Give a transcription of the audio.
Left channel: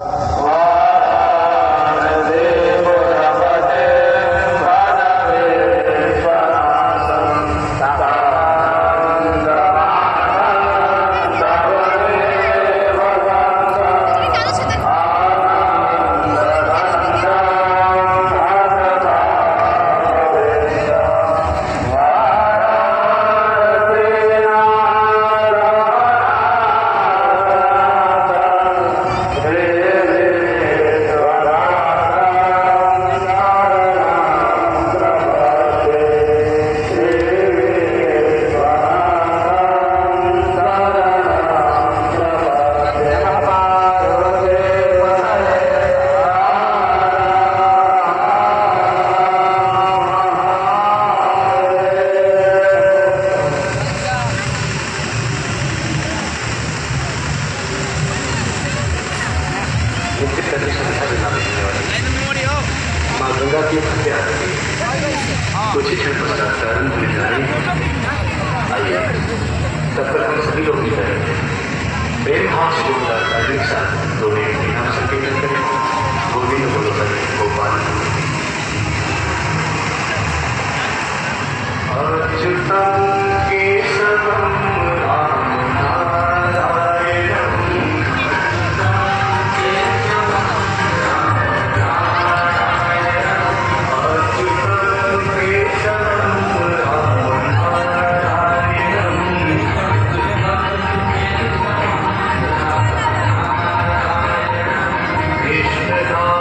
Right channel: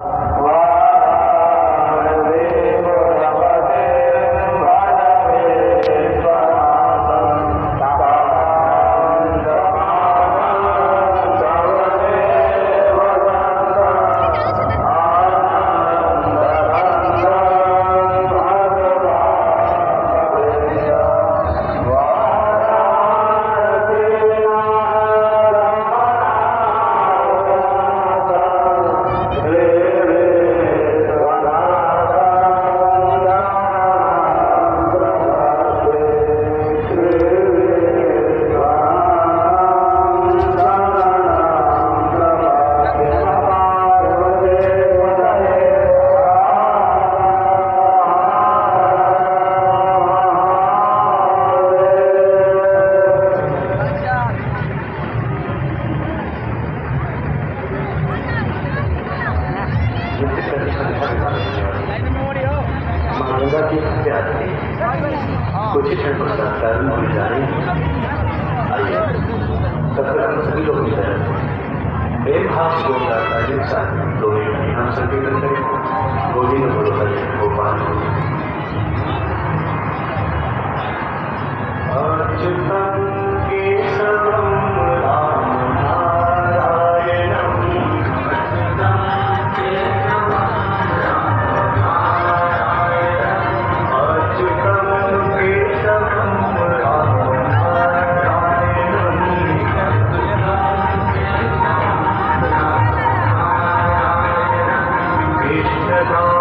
माँ गंगा की हत्या कुछ ही क्षण पश्चात प्रारंभ होने जा रही है। आइए तब तक हम सभी लोग की तरह प्रेम हाथ जोड़कर धार्मिक साथ दोनों की नाम संकीर्तन करें। गोविंद बोलो हरि गोपाल अच्युतम केशवम राम नारायणम Krishna